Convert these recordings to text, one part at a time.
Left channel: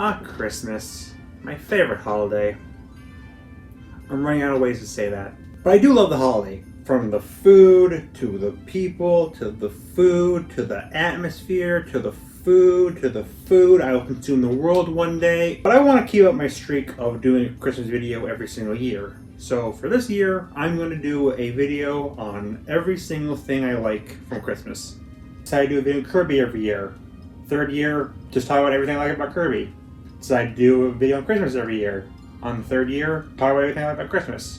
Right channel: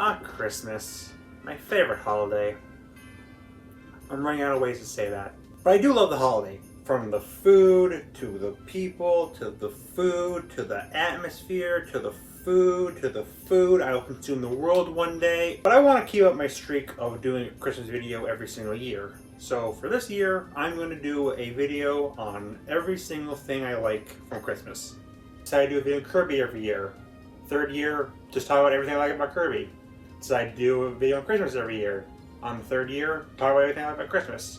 Ah, Christmas. My favorite holiday. I'm running out of ways to say that. But I do love the holiday. From the food, to the people, to the food, to the atmosphere, to the food, to the food. I will consume the world one day. But I want to keep up my streak of doing a Christmas video every single year. So for this year, I'm going to do a video on every single thing I like from Christmas. So I do a video on Kirby every year. Third year, just talk about everything I like about Kirby. So I do a video on Christmas every year. On the third year, talk about everything I like about Christmas.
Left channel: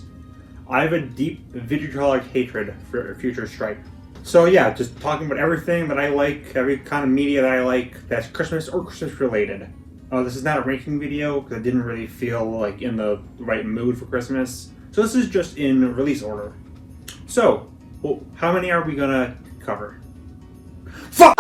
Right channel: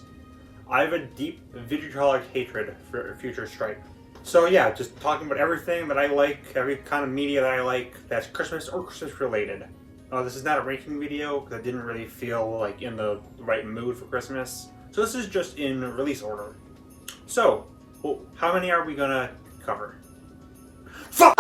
I have a deep vitriolic hatred for Future Stripe. So yeah, just talking about everything that I like, every kind of media that I like that's Christmas or Christmas related. This is not a ranking video because I didn't really feel like in the right mood for Christmas. So this is just in release order. So, well, how many are we gonna cover? Fuck!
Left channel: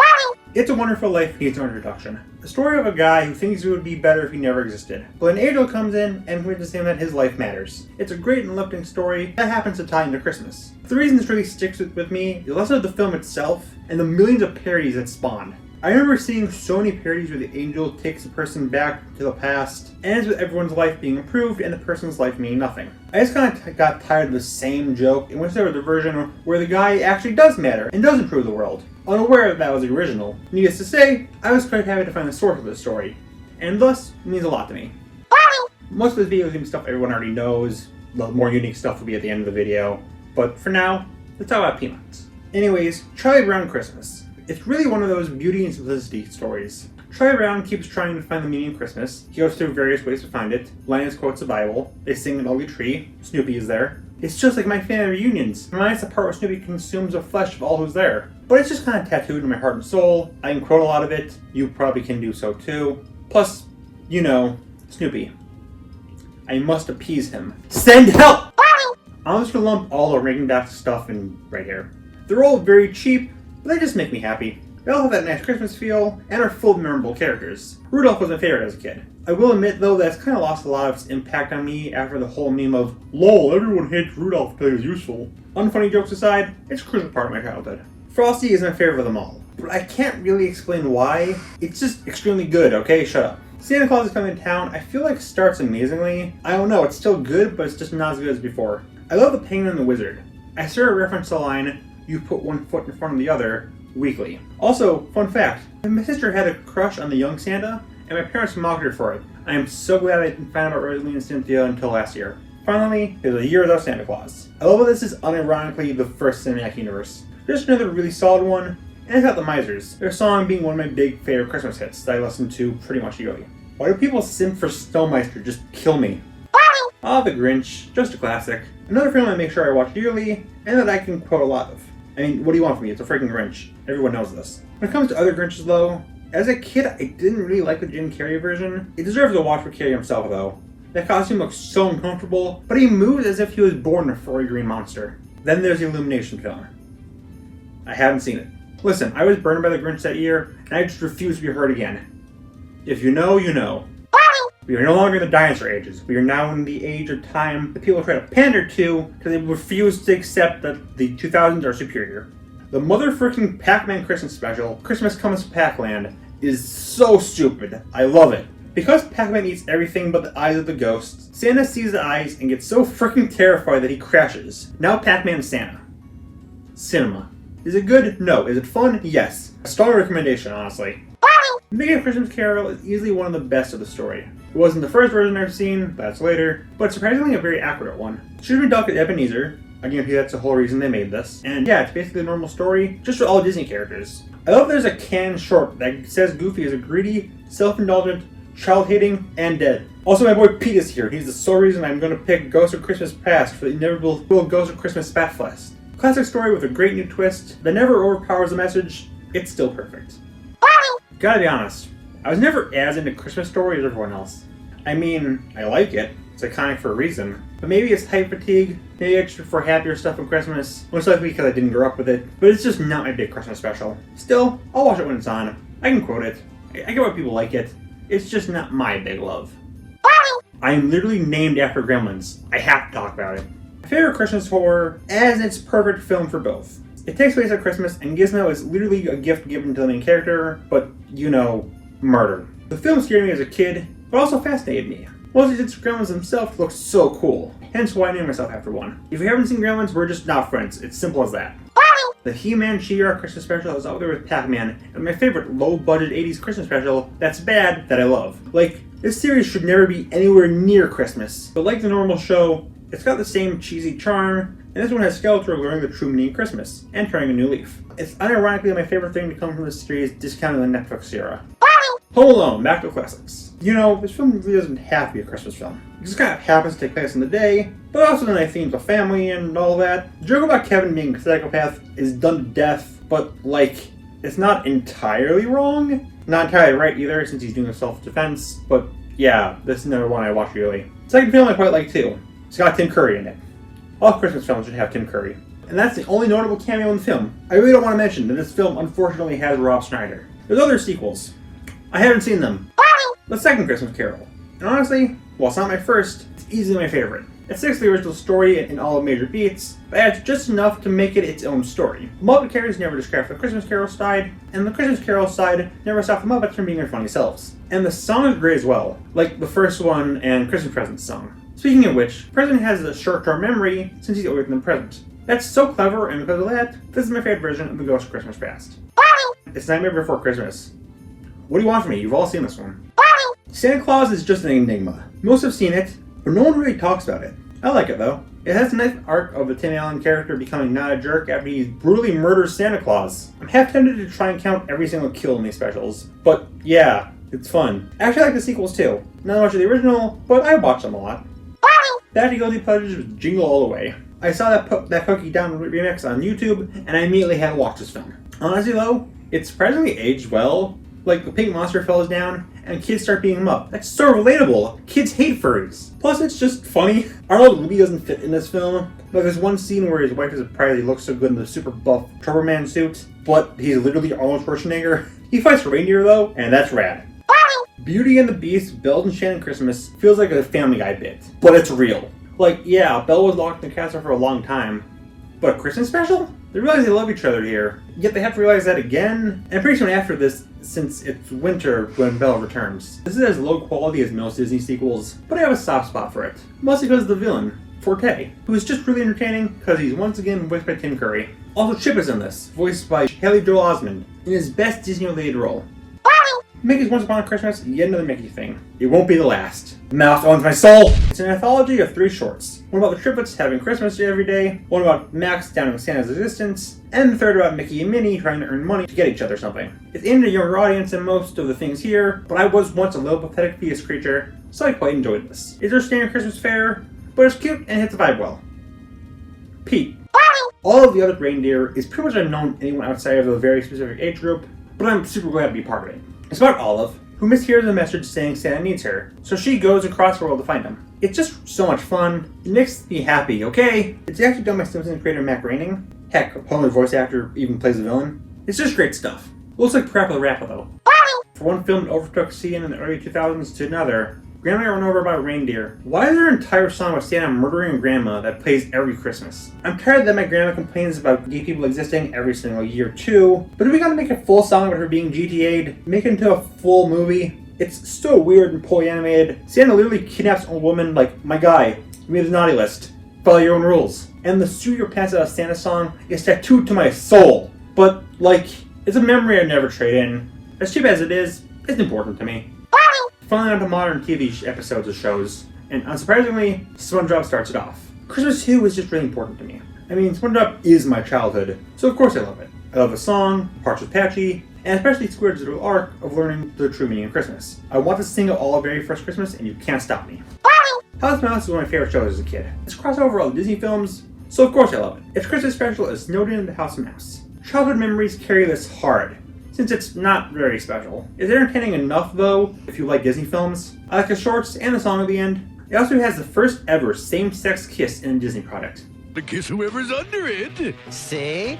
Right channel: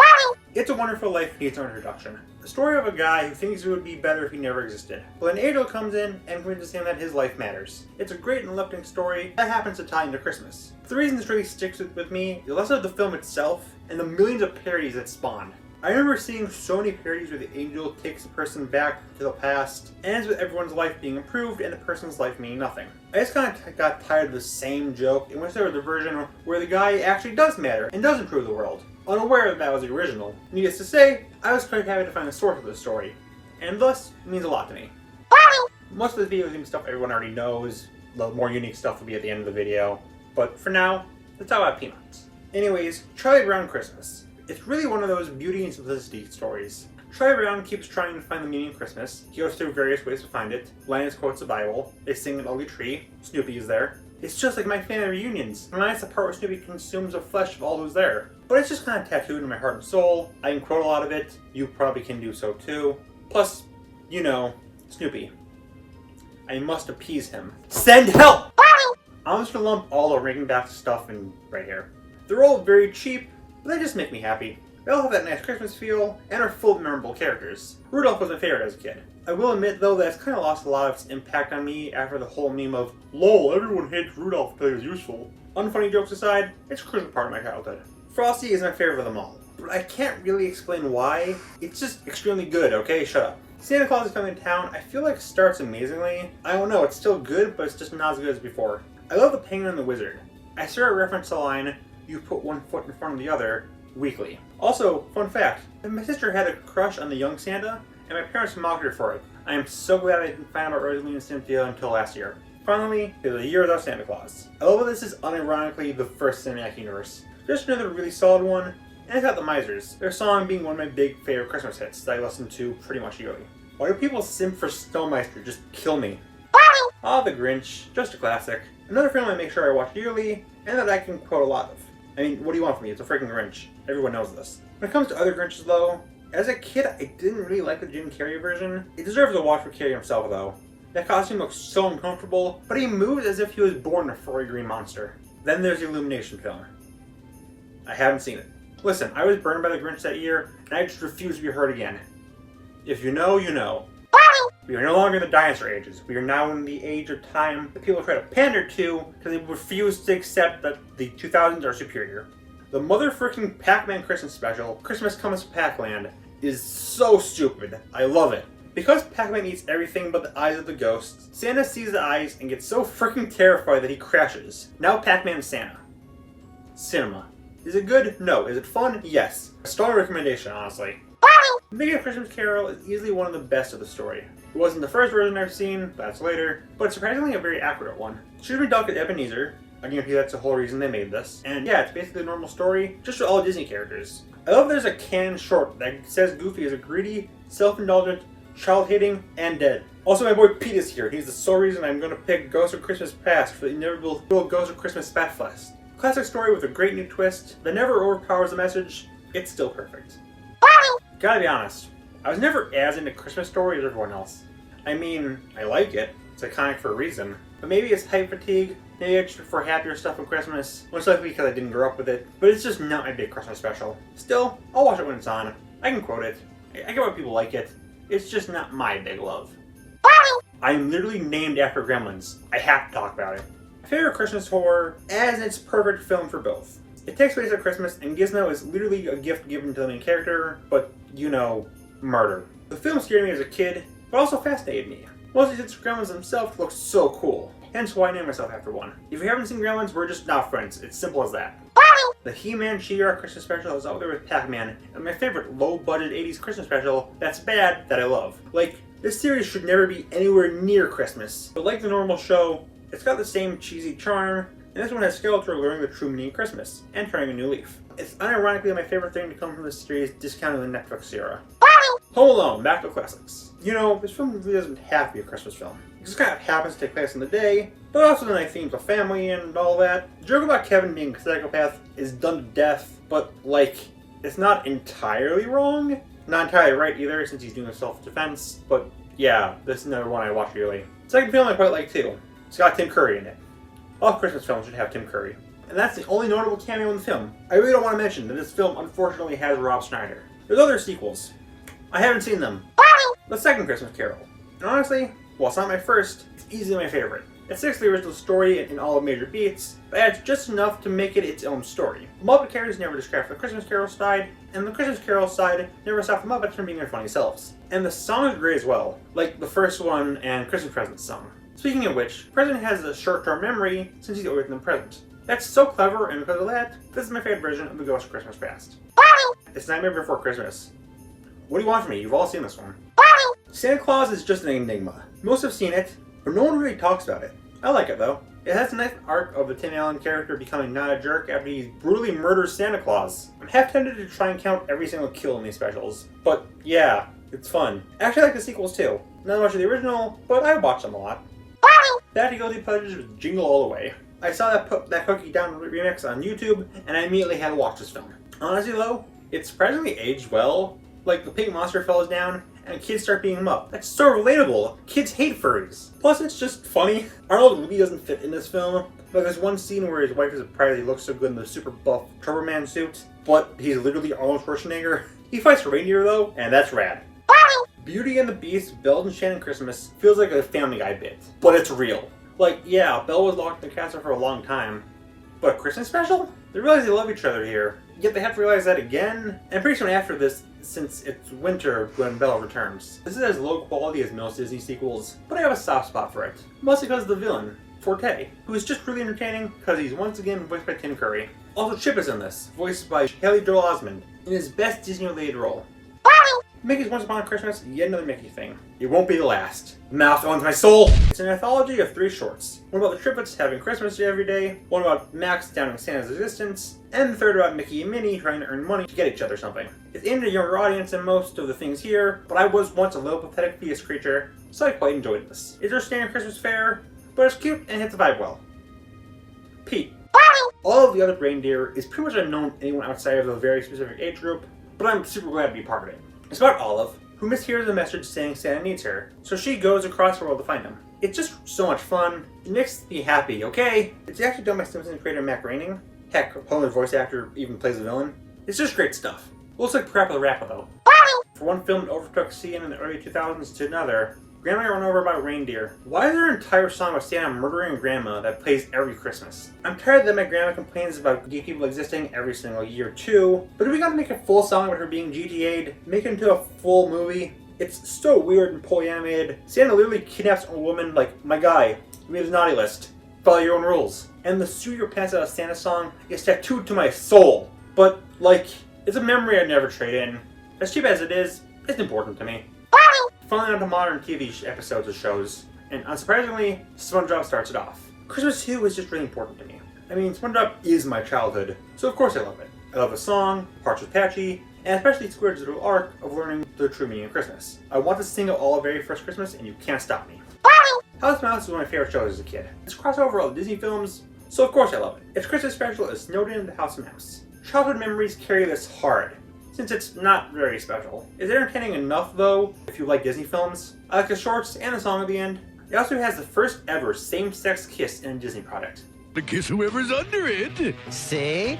It's a Wonderful Life needs no introduction. The story of a guy who thinks it would be better if he never existed. But an angel comes in and convinces him that his life matters. It's a great and uplifting story that happens to tie into Christmas. The reason this really sticks with me is less of the film itself and the millions of parodies that spawned. I remember seeing so many parodies where the angel takes a person back to the past, ends with everyone's life being improved and the person's life meaning nothing. I just kind of got tired of the same joke and went to the version where the guy actually does matter and does improve the world. Unaware that was the original. Needless to say, I was quite happy to find the source of the story, and thus, it means a lot to me. Most of this video is going to be stuff everyone already knows. The more unique stuff will be at the end of the video, but for now, let's talk about Peanuts. Anyways, Charlie Brown Christmas. It's really one of those beauty and simplicity stories. Charlie Brown keeps trying to find the meaning of Christmas. He goes through various ways to find it. Linus quotes the Bible. They sing an ugly tree. Snoopy is there. It's just like my family reunions. Minus the part where Snoopy consumes the flesh of all who's there. But it's just kind of tattooed in my heart and soul. I can quote a lot of it. You probably can do so too. Plus, you know, Snoopy. I must appease him. Send help! I'm just gonna lump all the Ring Dot stuff in right here. They're all very cheap, but they just make me happy. They all have that nice Christmas feel, and are full of memorable characters. Rudolph was my favorite as a kid. I will admit, though, that it's kind of lost a lot of its impact on me after the whole meme of, LOL, everyone hates Rudolph because he was useful. Unfunny jokes aside, it's a crucial part of my childhood. Frosty is my favorite of them all, but I can't really explain why. It's just extremely good, okay? Shut up. Santa Claus is Coming to Town, I feel like starts amazingly. I don't know, it's still good, but it's just not as good as before. I love The Penguin and the Wizard. I sort of reference the line, you put one foot in front of the other, weekly. Also, fun fact, my sister had a crush on the young Santa, and my parents mocked her for it. I am so glad I didn't find out about Rosalie and Cynthia until last year. Finally, there's a year without Santa Claus. I love that this is unironically the first cinematic universe. Just another really solid one, and it's got The Misers, their song being one of my big favorite Christmas hits that I listen to pretty much yearly. Why do people simp for Snowmeister? Just kill me. Ah, The Grinch, just a classic. Another film I make sure I watch yearly, and that I can quote a lot of. I mean, what do you want from me? It's a freaking Grinch. Everyone knows this. When it comes to other Grinches, though, as a kid, I didn't really like the Jim Carrey version. It deserves a watch for Carrey himself, though. That costume looks so uncomfortable, but he moves as if he was born a furry green monster. Then there's the Illumination film. I haven't seen it. Listen, I was burned by the Grinch that year, and I just refuse to be hurt again. If you know, you know. We are no longer in the dinosaur ages. We are now in the age of time that people try to pander to because they refuse to accept that the 2000s are superior. The motherfucking Pac-Man Christmas special, Christmas Comes to Pac-Land, is so stupid. I love it. Because Pac-Man eats everything but the eyes of the ghost, Santa sees the eyes and gets so freaking terrified that he crashes. Now Pac-Man is Santa. Cinema. Is it good? No. Is it fun? Yes. A strong recommendation, honestly. Making a Christmas Carol is easily one of the best of the story. It wasn't the first version I've seen, that's later, but surprisingly a very accurate one. Should have been dubbed Ebenezer. I guarantee that's the whole reason they made this. And yeah, it's basically a normal story, just for all Disney characters. I love there's a canned short that says Goofy is a greedy, self-indulgent, child-hating, and dead. Also, my boy Pete is here. He's the sole reason I'm going to pick Ghost of Christmas Past for the inevitable Ghost of Christmas Spatfest. Classic story with a great new twist that never overpowers the message. It's still perfect. Gotta be honest, I was never as into Christmas Story as everyone else. I mean, I like it. It's iconic for a reason. But maybe it's type fatigue. Maybe I just prefer happier stuff from Christmas. Most likely because I didn't grow up with it. But it's just not my big Christmas special. Still, I'll watch it when it's on. I can quote it. I get why people like it. It's just not my big love. I am literally named after Gremlins. I have to talk about it. My favorite Christmas horror, as its perfect film for both. It takes place at Christmas, and Gizmo is literally a gift given to the main character, but, you know, murder. The film scared me as a kid, but also fascinated me. Mostly since Gremlins themselves look so cool, hence why I named myself after one. If you haven't seen Gremlins, we're just not friends. It's simple as that. The He-Man She-Ra Christmas special is up there with Pac-Man, and my favorite low-budget 80s Christmas special that's bad that I love. Like, this series should never be anywhere near Christmas, but like the normal show, it's got the same cheesy charm, and this one has Skeletor learning the true meaning of Christmas, and turning a new leaf. It's unironically my favorite thing to come from this series, discounting the Netflix era. Home Alone, back to classics. You know, this film really doesn't have to be a Christmas film. It just kind of happens to take place in the day, but also in the themes of family and all that. The joke about Kevin being a psychopath is done to death, but, like, it's not entirely wrong. Not entirely right either, since he's doing self-defense, but yeah, this is another one I watch really. The second film I quite like too. It's got Tim Curry in it. All Christmas films should have Tim Curry. And that's the only notable cameo in the film. I really don't want to mention that this film unfortunately has Rob Schneider. There's other sequels. I haven't seen them. The second Christmas Carol. And honestly, while it's not my first, it's easily my favorite. It sticks to the original story in all the major beats, but adds just enough to make it its own story. The Muppet characters never distract the Christmas Carol side, and the Christmas Carol side never stop the Muppets from being their funny selves. And the song is great as well, like the first one and Christmas Present song. Speaking of which, the President has a short-term memory since he's always in the present. That's so clever, and because of that, this is my favorite version of the Ghost of Christmas Past. It's Nightmare Before Christmas. What do you want from me? You've all seen this one. Santa Claus is just an enigma. Most have seen it, but no one really talks about it. I like it though. It has a nice arc of the Tim Allen character becoming not a jerk after he brutally murders Santa Claus. I'm half tempted to try and count every single kill in these specials, but yeah, it's fun. I actually like the sequels too. Not much of the original, but I watch them a lot. The Happy Go Lucky Pleasures was Jingle All the Way. I saw that Cookie Down remix on YouTube, and I immediately had to watch this film. Honestly though, it surprisingly aged well. Like, the pink monster falls down, and kids start beating him up. That's so relatable. Kids hate furries. Plus, it's just funny. Arnold really doesn't fit in this film, but there's one scene where his wife is surprised he looks so good in the super buff Turboman suit, but he's literally Arnold Schwarzenegger. He fights a reindeer though, and that's rad. Beauty and the Beast, Belle and Enchanted Christmas feels like a Family Guy bit, but it's real. Like, yeah, Belle was locked in the castle for a long time, but a Christmas special? They realize they love each other here, yet they have to realize that again, and pretty soon after this, since it's winter when Belle returns. This is as low quality as most Disney sequels, but I have a soft spot for it. Mostly because of the villain, Forte, who is just really entertaining because he's once again voiced by Tim Curry. Also, Chip is in this, voiced by Haley Joel Osment, in his best Disney-related role. Mickey's Once Upon a Christmas, yet another Mickey thing. It won't be the last. Mouth owns my soul! It's an anthology of 3 shorts. One about the triplets having Christmas every day, one about Max doubting Santa's existence, and the third about Mickey and Minnie trying to earn money to get each other something. It's aimed at a younger audience than most of the things here, but I was once a little pathetic fetus creature, so I quite enjoyed this. It's our standard Christmas fare, but it's cute and hits the vibe well. Pete. All of the other reindeer is pretty much unknown to anyone outside of a very specific age group, but I'm super glad to be part of it. It's about Olive, who mishears a message saying Santa needs her, so she goes across the world to find him. It's just so much fun. It makes me happy, okay? It's actually done by Simpsons creator Matt Groening. Heck, Homer's voice actor even plays the villain. It's just great stuff. Looks like Parappa the Rapper though. For one film that overtook seeing in the early 2000s to another, Grandma got run over by a reindeer. Why is there an entire song about Santa murdering Grandma that plays every Christmas? I'm tired that my grandma complains about gay people existing every single year too, but do we gotta make a full song about her being GTA'd? Make it into a full movie? It's so weird and poorly animated. Santa literally kidnaps a woman like, my guy, you made a naughty list. Follow your own rules. And the Suit Your Pants Out of Santa song is tattooed to my soul. But, like, it's a memory I'd never trade in. As cheap as it is, it's important to me. Finally onto modern TV episodes of shows, and unsurprisingly, SpongeBob starts it off. Christmas 2 is just really important to me. I mean, SpongeBob is my childhood, so of course I love it. I love the song, parts with Patchy, and especially Squidward's little arc of learning the true meaning of Christmas. I want to sing it all very first Christmas, and you can't stop me. House Mouse is one of my favorite shows as a kid. It's crossover all Disney films, so of course I love it. Its Christmas special is snowed in the House of Mouse. Childhood memories carry this hard, since it's not very special. It's entertaining enough though, if you like Disney films. I like the shorts and the song at the end. It also has the first ever same-sex kiss in a Disney product. To kiss whoever's under it. See?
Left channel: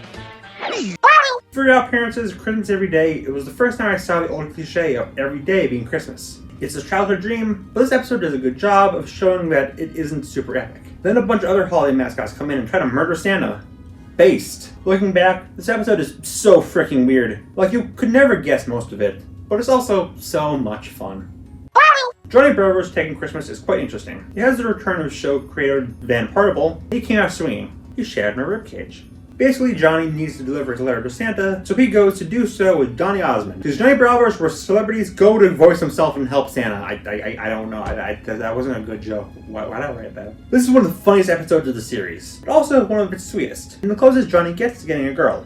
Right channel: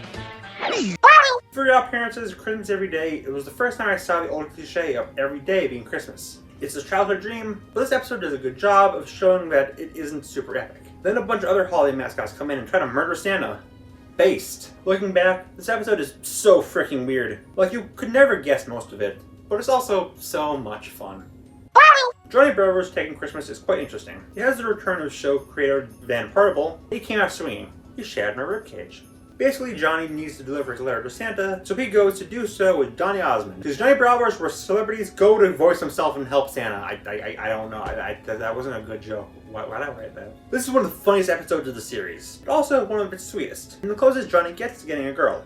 For your appearances, Christmas every day, it was the first time I saw the old cliche of every day being Christmas. It's a childhood dream, but this episode does a good job of showing that it isn't super epic. Then a bunch of other holiday mascots come in and try to murder Santa. Based. Looking back, this episode is so freaking weird. Like, you could never guess most of it. but it's also so much fun. Johnny Bravo's Taking Christmas is quite interesting. It has the return of show creator Van Partible. He came out swinging. He shattered my ribcage. Basically, Johnny needs to deliver his letter to Santa, so he goes to do so with Donny Osmond. Because Johnny Bravo's where celebrities go to voice themselves and help Santa. I don't know. That wasn't a good joke. Why did I write that? This is one of the funniest episodes of the series, but also one of its sweetest. And the closest Johnny gets to getting a girl.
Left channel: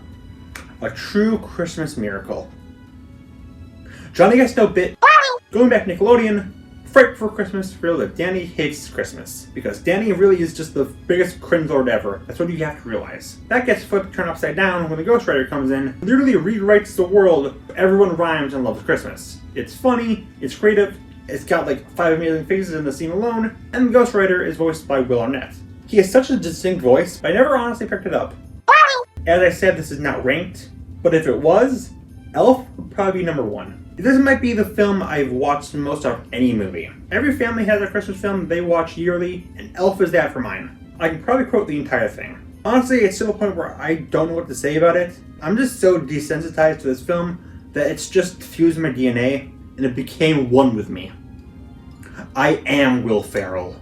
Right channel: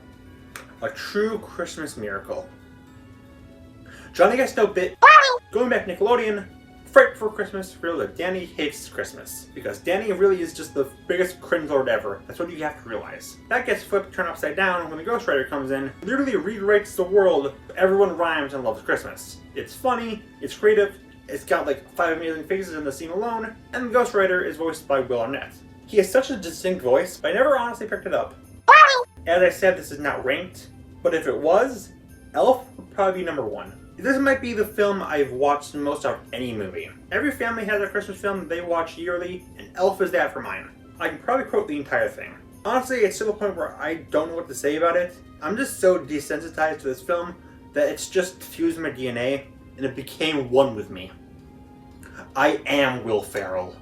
A true Christmas miracle. Johnny gets no bit. Going back to Nickelodeon, Fright for Christmas revealed that Danny hates Christmas. Because Danny really is just the biggest cringe lord ever. That's what you have to realize. That gets flipped turned upside down when the Ghost Rider comes in, literally rewrites the world. Everyone rhymes and loves Christmas. It's funny, it's creative, it's got like 5 amazing faces in the scene alone, and the Ghost Rider is voiced by Will Arnett. He has such a distinct voice, but I never honestly picked it up. As I said, this is not ranked, but if it was, Elf would probably be number 1. This might be the film I've watched most of any movie. Every family has a Christmas film they watch yearly, and Elf is that for mine. I can probably quote the entire thing. Honestly, it's to the point where I don't know what to say about it. I'm just so desensitized to this film that it's just fused my DNA, and it became one with me. I am Will Ferrell.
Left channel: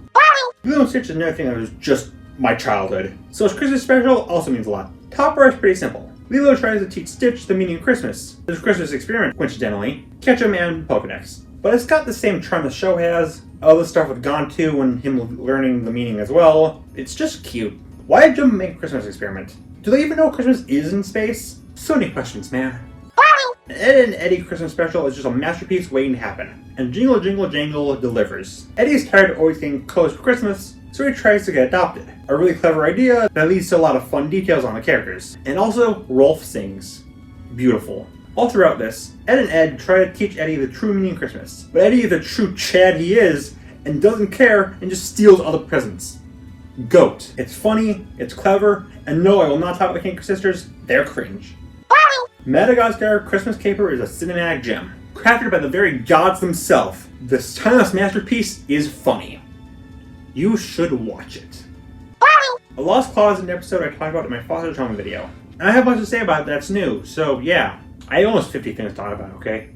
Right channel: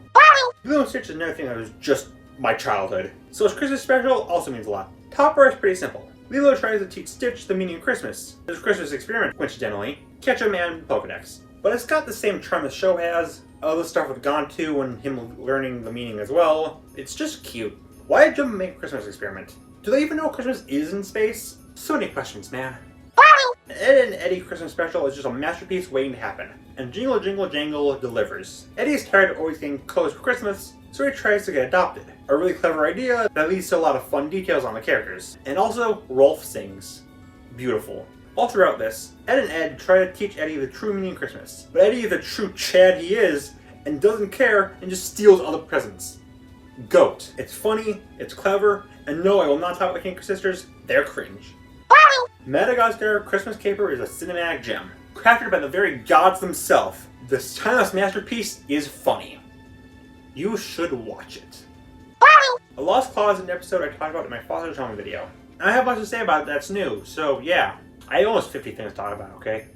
Lilo & Stitch is another thing that was just my childhood. So its Christmas special also means a lot. Top part is pretty simple. Lilo tries to teach Stitch the meaning of Christmas. His Christmas experiment, coincidentally, catch a man in Pokedex. But it's got the same charm the show has, all the stuff with Gontu and him learning the meaning as well. It's just cute. Why did Jim make a Christmas experiment? Do they even know Christmas is in space? So many questions, man. Ed and Eddie Christmas special is just a masterpiece waiting to happen. And Jingle Jingle Jangle delivers. Eddie's tired of always getting clothes for Christmas, so he tries to get adopted. A really clever idea that leads to a lot of fun details on the characters. And also, Rolf sings. Beautiful. All throughout this, Ed and Ed try to teach Eddie the true meaning of Christmas. But Eddie is the true Chad he is, and doesn't care, and just steals all the presents. Goat. It's funny, it's clever, and no, I will not talk about the Kinker sisters, they're cringe. Madagascar Christmas Caper is a cinematic gem. Crafted by the very gods themselves, this timeless masterpiece is funny. You should watch it. A Lost Clause is an episode I talked about in my Foster's Home video. And I have much to say about it that's new, so yeah. I almost 50 things to talk about, okay?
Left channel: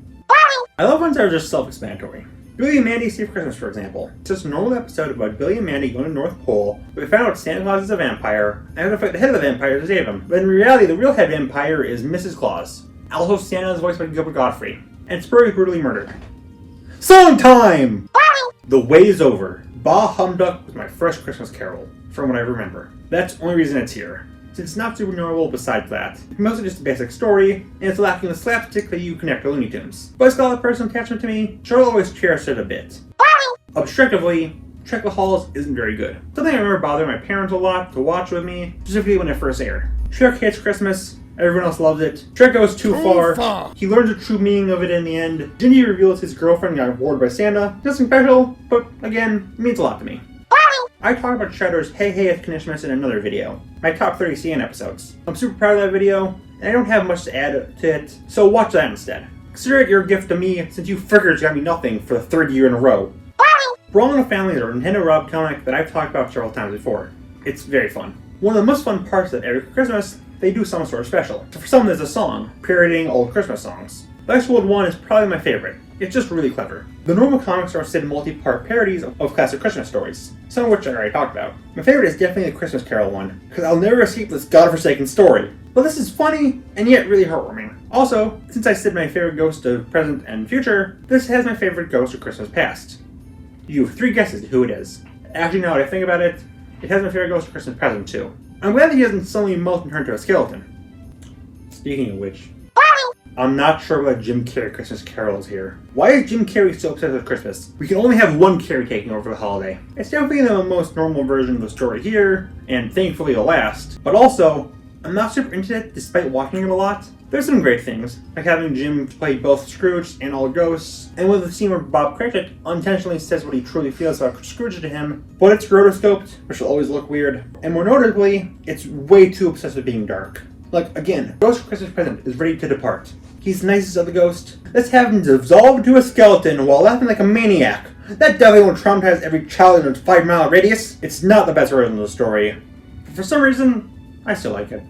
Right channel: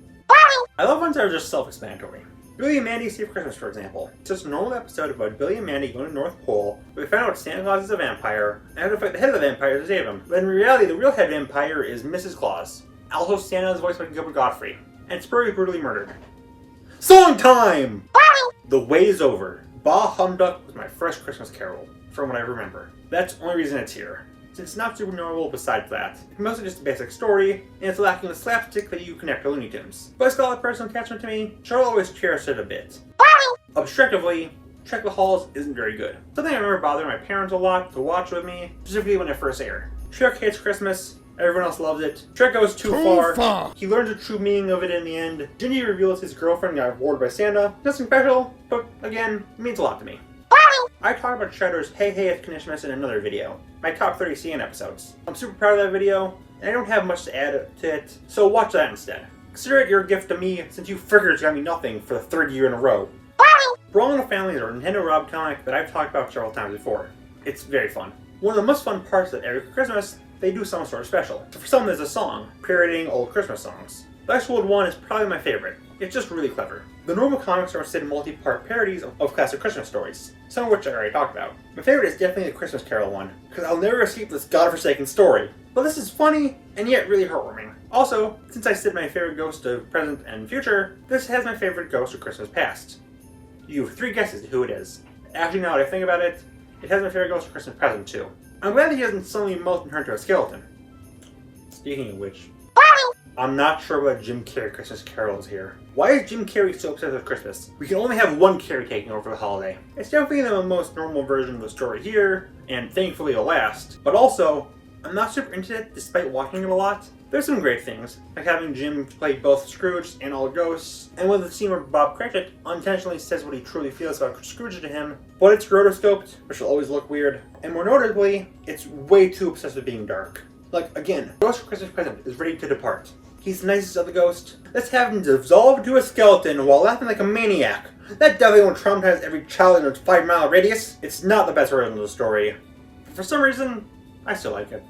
I love ones that are just self-explanatory. Billy and Mandy Save Christmas, for example. It's just a normal episode about Billy and Mandy going to the North Pole, where they found out Santa Claus is a vampire, and have to fight the head of the vampire to save him. But in reality, the real head vampire is Mrs. Claus. Also, Santa is voiced by Gilbert Gottfried, and Spurry brutally murdered. Song time! The Wait is Over. Bah Humduck was my first Christmas carol, from what I remember. That's the only reason it's here. Since it's not super notable besides that. It's mostly just a basic story, and it's lacking the slapstick that you connect to Looney Tunes. But it's got a personal attachment to me, so I'll always cherish it a bit. Objectively, Trek the Halls isn't very good. Something I remember bothering my parents a lot to watch with me, specifically when it first aired. Trek hates Christmas, everyone else loves it. Trek goes too far. He learns the true meaning of it in the end. Gingy reveals his girlfriend got bored by Santa. Nothing special, but again, it means a lot to me. I talked about Shredder's Hey Hey It's Christmas in another video, my top 30 CN episodes. I'm super proud of that video, and I don't have much to add to it, so watch that instead. Consider it your gift to me, since you frickers got me nothing for the 3rd year in a row. Brawl in the Family is a Nintendo Rob comic that I've talked about several times before. It's very fun. One of the most fun parts is that every Christmas, they do some sort of special. So for some, there's a song, parodying old Christmas songs. Westworld 1 is probably my favorite. It's just really clever. The normal comics are instead multi-part parodies of classic Christmas stories, some of which I already talked about. My favorite is definitely the Christmas Carol one, because I'll never escape this godforsaken story. But this is funny, and yet really heartwarming. Also, since I said my favorite ghost of present and future, this has my favorite ghost of Christmas past. You have 3 guesses at who it is. Actually, now that I think about it, it has my favorite ghost of Christmas present too. I'm glad that he doesn't suddenly melt and turn into a skeleton. Speaking of which, I'm not sure why Jim Carrey Christmas Carol is here. Why is Jim Carrey so obsessed with Christmas? We can only have one Carrey taking over the holiday. It's definitely the most normal version of the story here, and thankfully the last. But also, I'm not super into it despite watching it a lot. There's some great things, like having Jim play both Scrooge and all ghosts, and with the scene where Bob Cratchit unintentionally says what he truly feels about Scrooge to him, but it's rotoscoped, which will always look weird. And more notably, it's way too obsessed with being dark. Like, again, Ghost of Christmas Present is ready to depart. He's the nicest of the ghosts. Let's have him dissolve into a skeleton while laughing like a maniac. That definitely won't traumatize every child in its 5-mile radius. It's not the best version of the story. But for some reason, I still like it.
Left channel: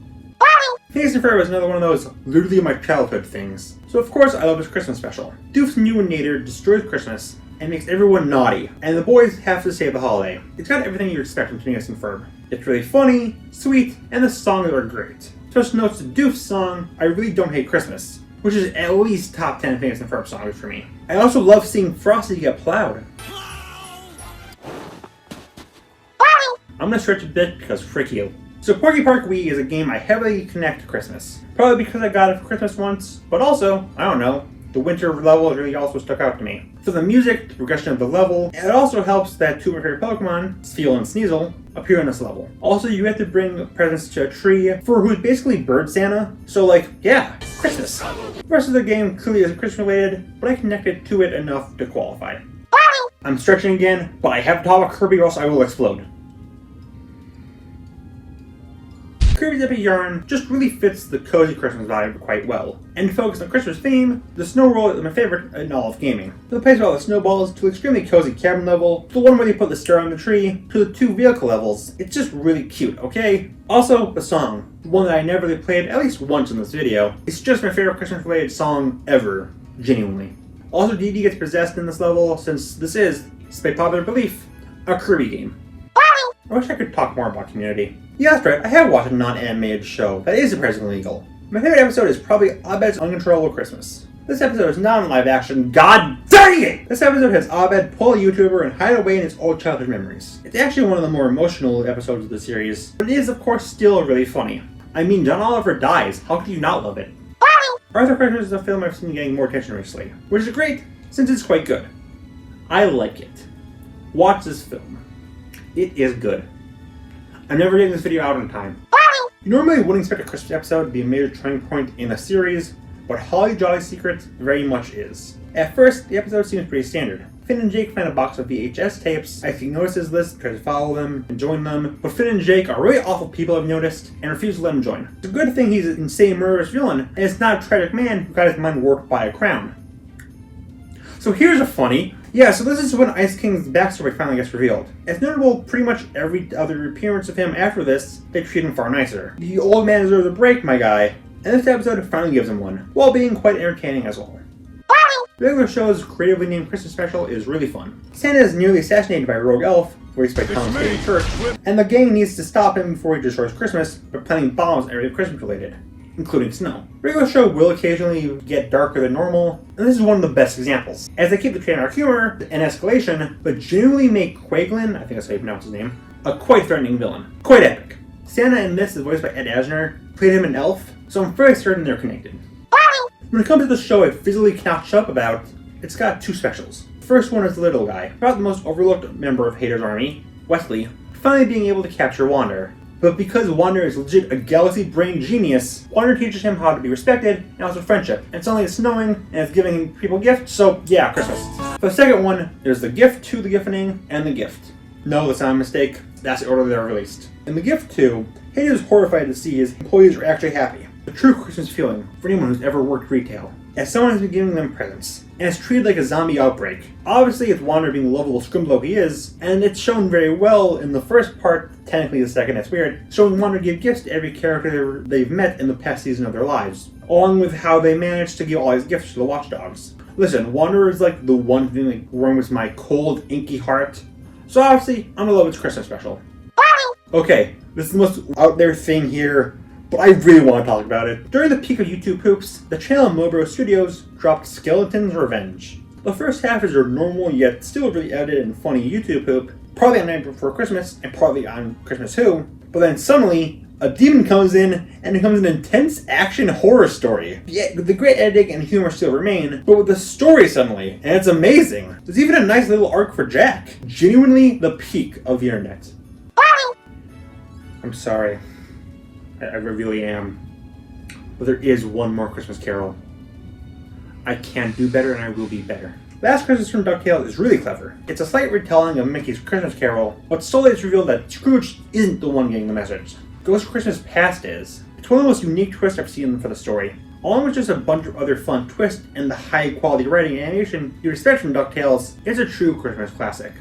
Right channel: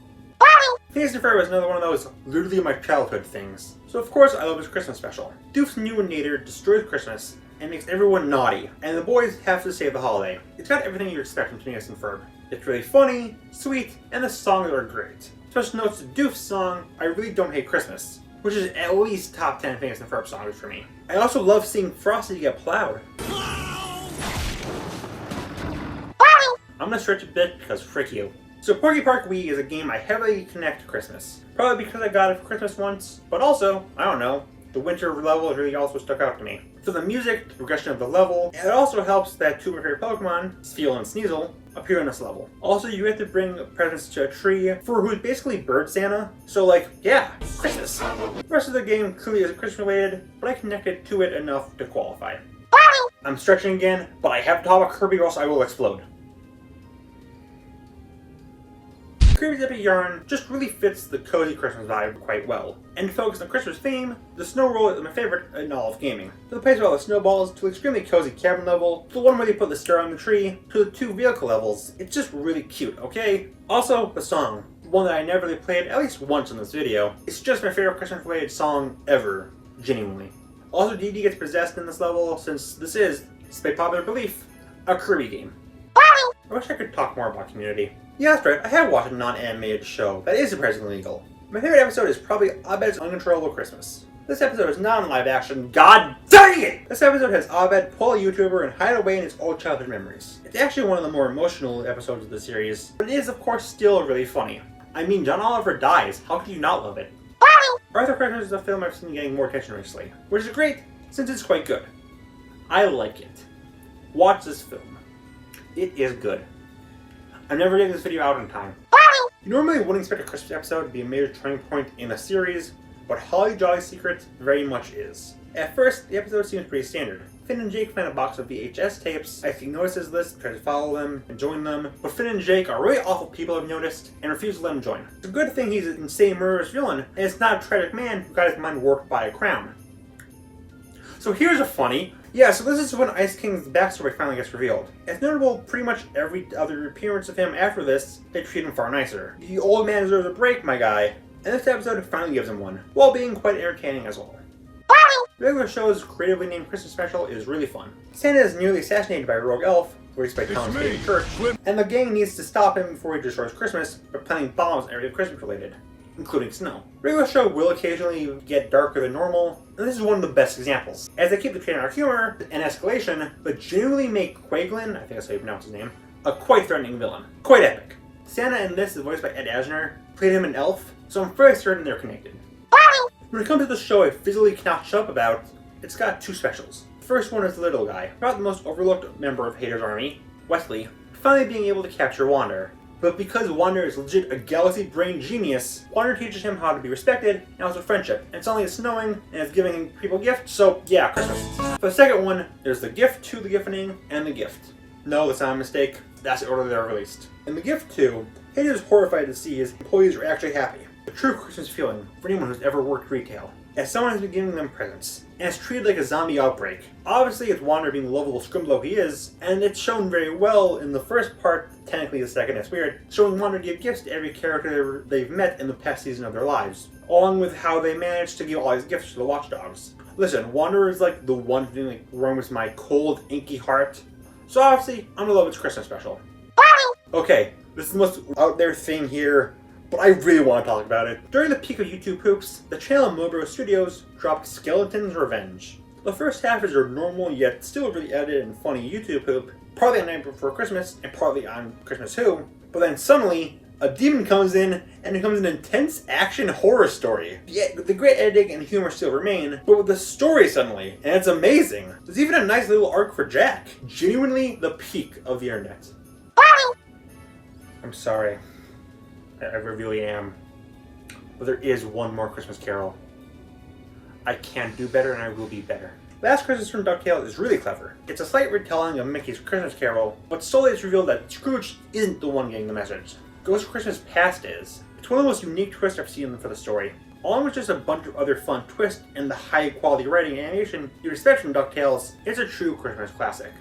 Phineas and Ferb is another one of those literally my childhood things. So of course I love his Christmas special. Doof's new Nader destroys Christmas and makes everyone naughty, and the boys have to save the holiday. It's got everything you expect from Phineas and Ferb. It's really funny, sweet, and the songs are great. Special notes to Doof's song, I Really Don't Hate Christmas, which is at least top 10 Phineas and Ferb songs for me. I also love seeing Frosty get plowed. I'm gonna stretch a bit because frick you. So Porky Park Wii is a game I heavily connect to Christmas. Probably because I got it for Christmas once, but also, I don't know, the winter level really also stuck out to me. So the music, the progression of the level, and it also helps that two of my favorite Pokemon, Sfeel and Sneasel, appear in this level. Also, you have to bring presents to a tree for who's basically Bird Santa, so like, yeah, Christmas. The rest of the game clearly isn't Christmas related, but I connected to it enough to qualify. I'm stretching again, but I have to talk about Kirby or else I will explode. Kirby's Epic Yarn just really fits the cozy Christmas vibe quite well. And to focus on Christmas theme, the snow world is my favorite in all of gaming. From the place where all the snowballs to the extremely cozy cabin level, to the one where they put the star on the tree, to the 2 vehicle levels, it's just really cute, okay? Also, the song, the one that I never really played at least once in this video. It's just my favorite Christmas related song ever, genuinely. Also, Dee Dee gets possessed in this level since this is, despite popular belief, a Kirby game. I wish I could talk more about Community. Yeah, that's right, I have watched a non-animated show that is surprisingly legal. My favorite episode is probably Abed's Uncontrollable Christmas. This episode is not in live action, god dang it! This episode has Abed pull a YouTuber and hide away in his old childhood memories. It's actually one of the more emotional episodes of the series, but it is of course still really funny. I mean, John Oliver dies, how could you not love it? Arthur Christmas is a film I've seen getting more attention recently, which is great since it's quite good. I like it. Watch this film. It is good. I'm never getting this video out in time. You normally wouldn't expect a Christmas episode to be a major turning point in a series, but Holly Jolly's Secret very much is. At first, the episode seems pretty standard. Finn and Jake find a box of VHS tapes. Ike notices this, tries to follow them and join them, but Finn and Jake are really awful people I've noticed, and refuse to let him join. It's a good thing he's an insane murderous villain, and it's not a tragic man who got his mind warped by a crown. So here's a funny. Yeah, so this is when Ice King's backstory finally gets revealed. It's notable pretty much every other appearance of him after this, they treat him far nicer. The old man deserves a break, my guy, and this episode finally gives him one, while being quite entertaining as well. The regular show's creatively named Christmas special is really fun. Santa is nearly assassinated by a rogue elf, where he expects Thomas to go to church, and the gang needs to stop him before he destroys Christmas by planting bombs everything Christmas related, including snow. The regular show will occasionally get darker than normal, and this is one of the best examples. As they keep the trademark humor and escalation, but genuinely make Quaglin, I think that's how you pronounce his name, a quite threatening villain. Quite epic. Santa in this is voiced by Ed Asner, played him an elf, so I'm very certain they're connected. When it comes to the show I physically cannot shut up about, it's got 2 specials. The first one is the little guy, about the most overlooked member of Hader's army, Wesley, finally being able to capture Wander. But because Wander is legit a galaxy-brain genius, Wander teaches him how to be respected and also friendship. And suddenly it's snowing and it's giving people gifts, so yeah, Christmas. For the second one, there's the gift to the gifting and the gift. No, that's not a mistake. That's the order they are released. In the gift 2, Hader is horrified to see his employees are actually happy. A true Christmas feeling for anyone who's ever worked retail. As someone has been giving them presents, and it's treated like a zombie outbreak. Obviously, it's Wander being the lovable scumbag he is, and it's shown very well in the first part, technically the second, that's weird, showing Wander give gifts to every character they've met in the past season of their lives, along with how they managed to give all these gifts to the watchdogs. Listen, Wander is like the one thing that warms my cold, inky heart, so obviously, I'm in love with this Christmas special. Okay, this is the most out there thing here, but I really want to talk about it. During the peak of YouTube poops, the channel Mobro Studios dropped Skeleton's Revenge. The first half is their normal yet still really edited and funny YouTube poop, partly on Night Before Christmas and partly on Christmas Who, but then suddenly, a demon comes in and it becomes an intense action horror story. Yet the great editing and humor still remain, but with the story suddenly, and it's amazing. There's even a nice little arc for Jack. Genuinely the peak of the internet. I'm sorry. I really am. But there is one more Christmas Carol. I can do better and I will be better. Last Christmas from DuckTales is really clever. It's a slight retelling of Mickey's Christmas Carol, but slowly it's revealed that Scrooge isn't the one getting the message. Ghost Christmas Past is. It's one of the most unique twists I've seen for the story. Along with just a bunch of other fun twists and the high quality writing and animation you expect from DuckTales, it's a true Christmas classic.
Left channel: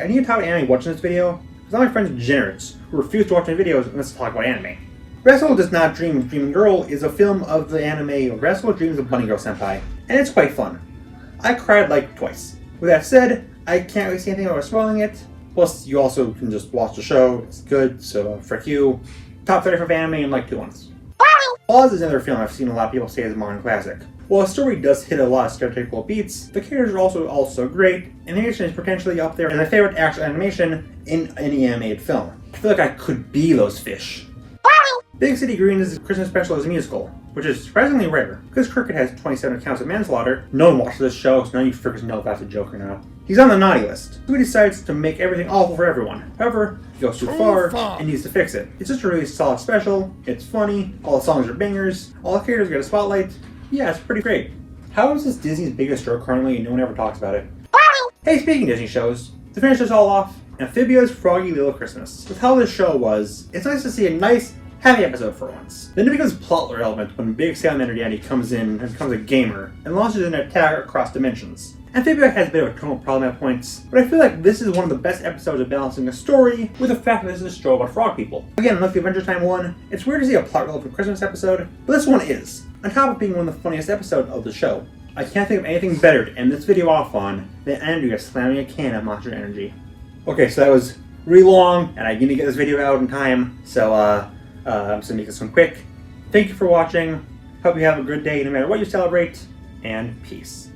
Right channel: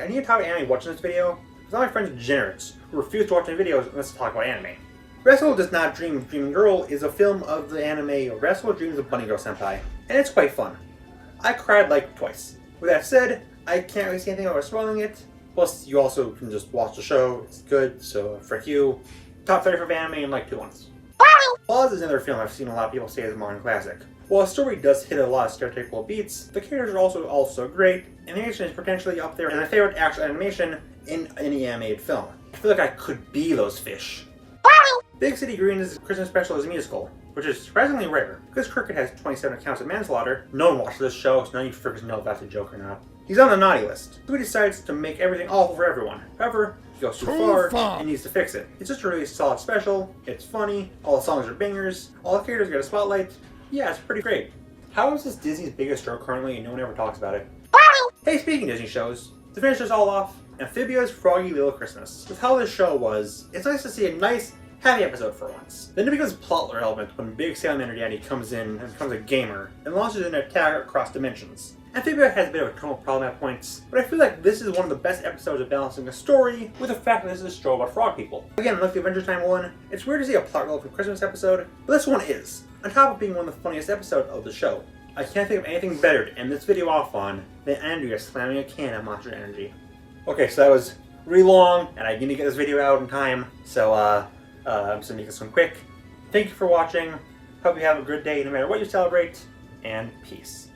I need to talk to anime watching this video, because all my friends are degenerates who refuse to watch my videos unless to talk about anime. Wrestle Does Not Dream of Dreaming Girl is a film of the anime Wrestle Dreams of Bunny Girl Senpai, and it's quite fun. I cried like twice. With that said, I can't really say anything about spoiling it. Plus, you also can just watch the show. It's good, so frick you. Top 35 anime in like 2 months. Oz is another film I've seen a lot of people say is a modern classic. While the story does hit a lot of stereotypical beats, the characters are also great, and animation is potentially up there as my favorite actual animation in any animated film. I feel like I could be those fish. Big City Greens' Christmas special is a musical, which is surprisingly rare. Because Cricket has 27 counts of manslaughter, no one watches this show, so none of you frickers know if that's a joke or not. He's on the naughty list, so he decides to make everything awful for everyone. However, he goes too far and needs to fix it. It's just a really solid special, it's funny, all the songs are bangers, all the characters get a spotlight. Yeah, it's pretty great. How is this Disney's biggest show currently and no one ever talks about it? Hey, speaking of Disney shows, to finish this all off, Amphibia's Froggy Little Christmas. With how this show was, it's nice to see a nice, happy episode for once. Then it becomes plot relevant when Big Salamander Daddy comes in and becomes a gamer and launches an attack across dimensions. Amphibia has a bit of a tonal problem at points, but I feel like this is one of the best episodes of balancing a story with the fact that this is a show about frog people. Again, like the Adventure Time one, it's weird to see a plot relevant Christmas episode, but this one is, on top of being one of the funniest episodes of the show. I can't think of anything better to end this video off on than Andrea slamming a can of Monster Energy. Okay, so that was really long, and I need to get this video out in time, so I'm just gonna make this one quick. Thank you for watching, hope you have a good day no matter what you celebrate, and peace.